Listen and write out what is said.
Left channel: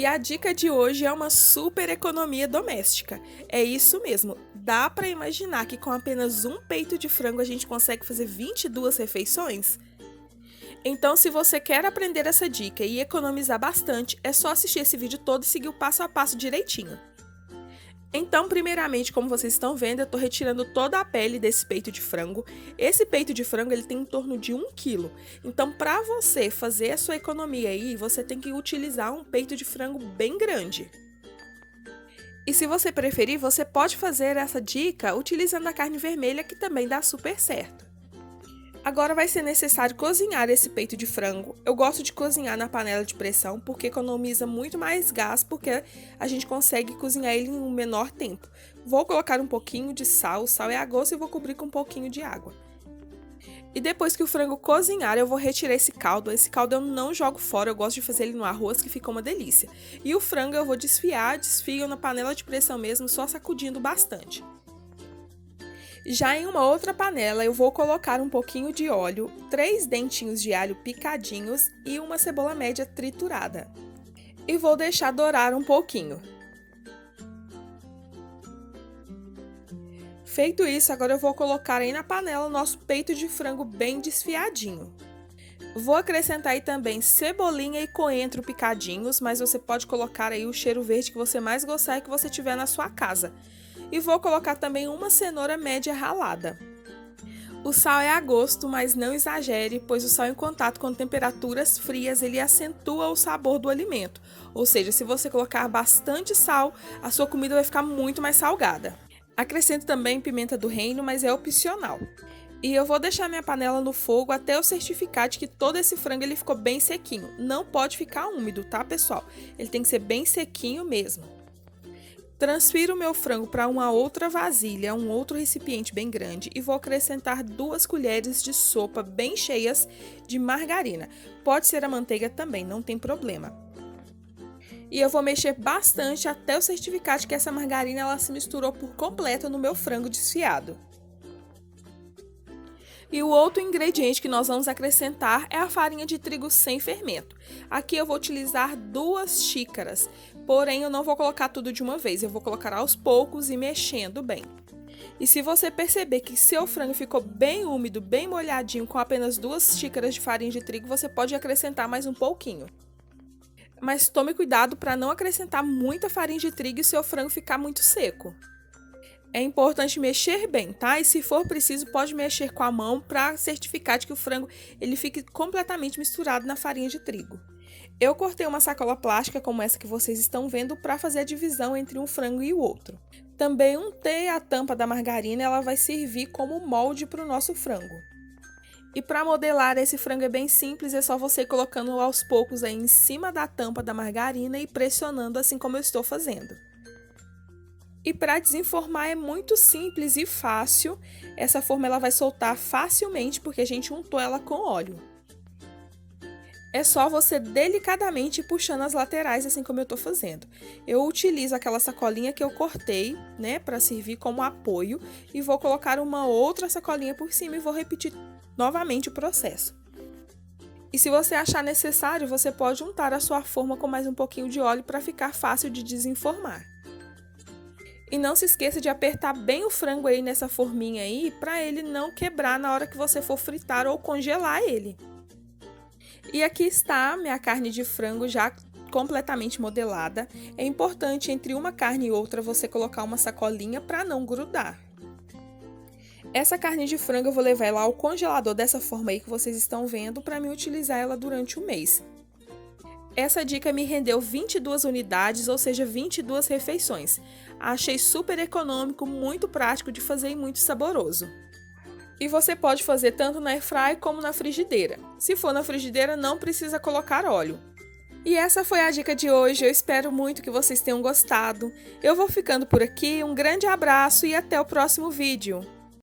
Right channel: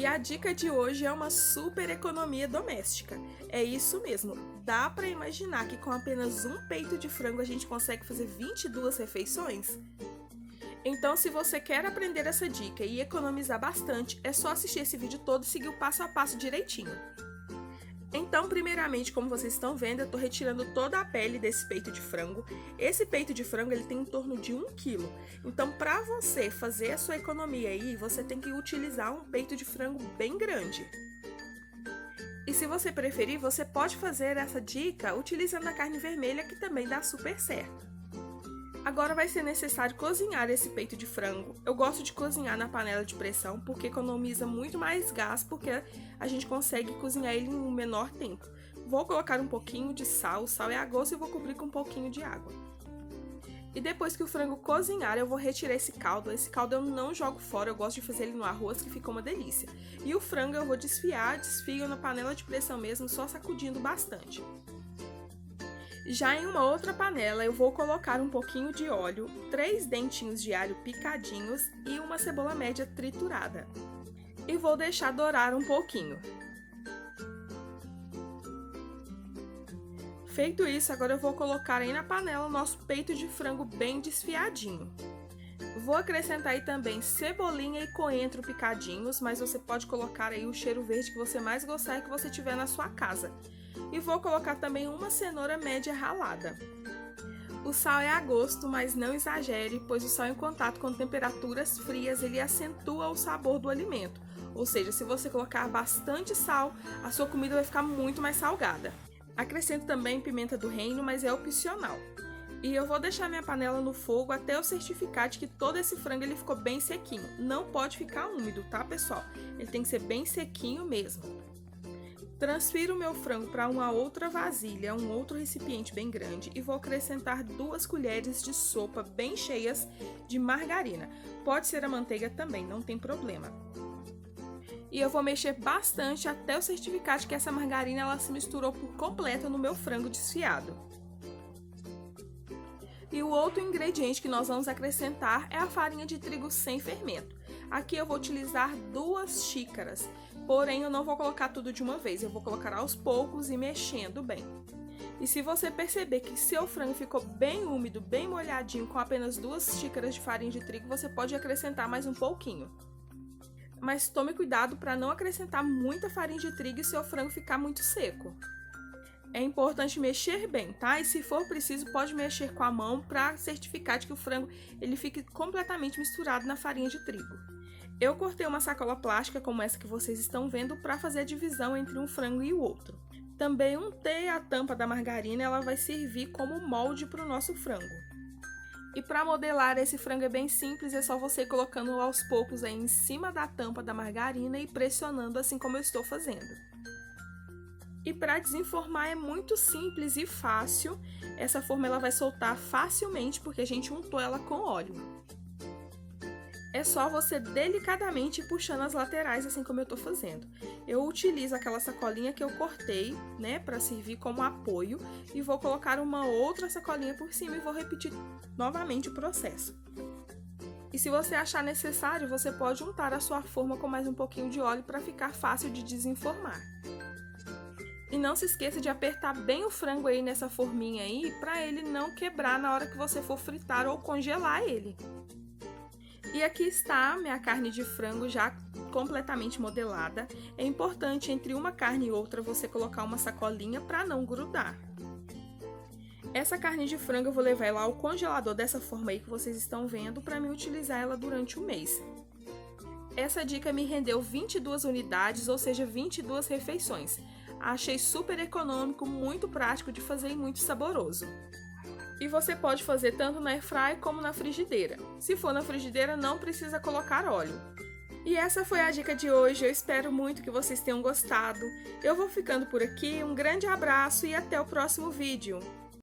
E a dica de hoje é uma super economia doméstica. É isso mesmo, dá para imaginar que com apenas um peito de frango a gente consegue fazer 22 refeições? Então, se você quer aprender essa dica e economizar bastante, é só assistir esse vídeo todo e seguir o passo a passo direitinho. Então, primeiramente, como vocês estão vendo, eu estou retirando toda a pele desse peito de frango. Esse peito de frango ele tem em torno de 1 quilo. Então, para você fazer a sua economia aí, você tem que utilizar um peito de frango bem grande. E se você preferir, você pode fazer essa dica utilizando a carne vermelha, que também dá super certo. Agora vai ser necessário cozinhar esse peito de frango. Eu gosto de cozinhar na panela de pressão porque economiza muito mais gás, porque a gente consegue cozinhar ele em um menor tempo. Vou colocar um pouquinho de sal, o sal é a gosto, e vou cobrir com um pouquinho de água. E depois que o frango cozinhar, eu vou retirar esse caldo. Esse caldo eu não jogo fora, eu gosto de fazer ele no arroz, que fica uma delícia. E o frango eu vou desfio na panela de pressão mesmo, só sacudindo bastante. Já em uma outra panela, eu vou colocar um pouquinho de óleo, 3 dentinhos de alho picadinhos e uma cebola média triturada. E vou deixar dourar um pouquinho. Feito isso, agora eu vou colocar aí na panela o nosso peito de frango bem desfiadinho. Vou acrescentar aí também cebolinha e coentro picadinhos, mas você pode colocar aí o cheiro verde que você mais gostar e que você tiver na sua casa. E vou colocar também uma cenoura média ralada. O sal é a gosto, mas não exagere, pois o sal em contato com temperaturas frias ele acentua o sabor do alimento. Ou seja, se você colocar bastante sal, a sua comida vai ficar muito mais salgada. Acrescento também pimenta do reino, mas é opcional. E eu vou deixar minha panela no fogo até eu certificar de que todo esse frango ele ficou bem sequinho. Não pode ficar úmido, tá, pessoal? Ele tem que ser bem sequinho mesmo. Transfiro o meu frango para uma outra vasilha, um outro recipiente bem grande, e vou acrescentar 2 colheres de sopa bem cheias de margarina. Pode ser a manteiga também, não tem problema. E eu vou mexer bastante até eu certificar de que essa margarina ela se misturou por completo no meu frango desfiado. E o outro ingrediente que nós vamos acrescentar é a farinha de trigo sem fermento. Aqui eu vou utilizar 2 xícaras, porém eu não vou colocar tudo de uma vez, eu vou colocar aos poucos e mexendo bem. E se você perceber que seu frango ficou bem úmido, bem molhadinho, com apenas 2 xícaras de farinha de trigo, você pode acrescentar mais um pouquinho. Mas tome cuidado para não acrescentar muita farinha de trigo e seu frango ficar muito seco. É importante mexer bem, tá? E se for preciso, pode mexer com a mão para certificar de que o frango ele fique completamente misturado na farinha de trigo. Eu cortei uma sacola plástica como essa que vocês estão vendo para fazer a divisão entre um frango e o outro. Também untei a tampa da margarina, ela vai servir como molde para o nosso frango. E para modelar esse frango é bem simples, é só você colocando aos poucos aí em cima da tampa da margarina e pressionando assim como eu estou fazendo. E para desenformar é muito simples e fácil, essa forma ela vai soltar facilmente porque a gente untou ela com óleo. É só você delicadamente ir puxando as laterais assim como eu estou fazendo. Eu utilizo aquela sacolinha que eu cortei, né, para servir como apoio e vou colocar uma outra sacolinha por cima e vou repetir novamente o processo. E se você achar necessário, você pode untar a sua forma com mais um pouquinho de óleo para ficar fácil de desenformar. E não se esqueça de apertar bem o frango aí nessa forminha aí, para ele não quebrar na hora que você for fritar ou congelar ele. E aqui está minha carne de frango já completamente modelada. É importante entre uma carne e outra você colocar uma sacolinha para não grudar. Essa carne de frango eu vou levar ela ao congelador dessa forma aí que vocês estão vendo para mim utilizar ela durante o mês. Essa dica me rendeu 22 unidades, ou seja, 22 refeições. Achei super econômico, muito prático de fazer e muito saboroso. E você pode fazer tanto na airfryer como na frigideira. Se for na frigideira, não precisa colocar óleo. E essa foi a dica de hoje, eu espero muito que vocês tenham gostado. Eu vou ficando por aqui, um grande abraço e até o próximo vídeo.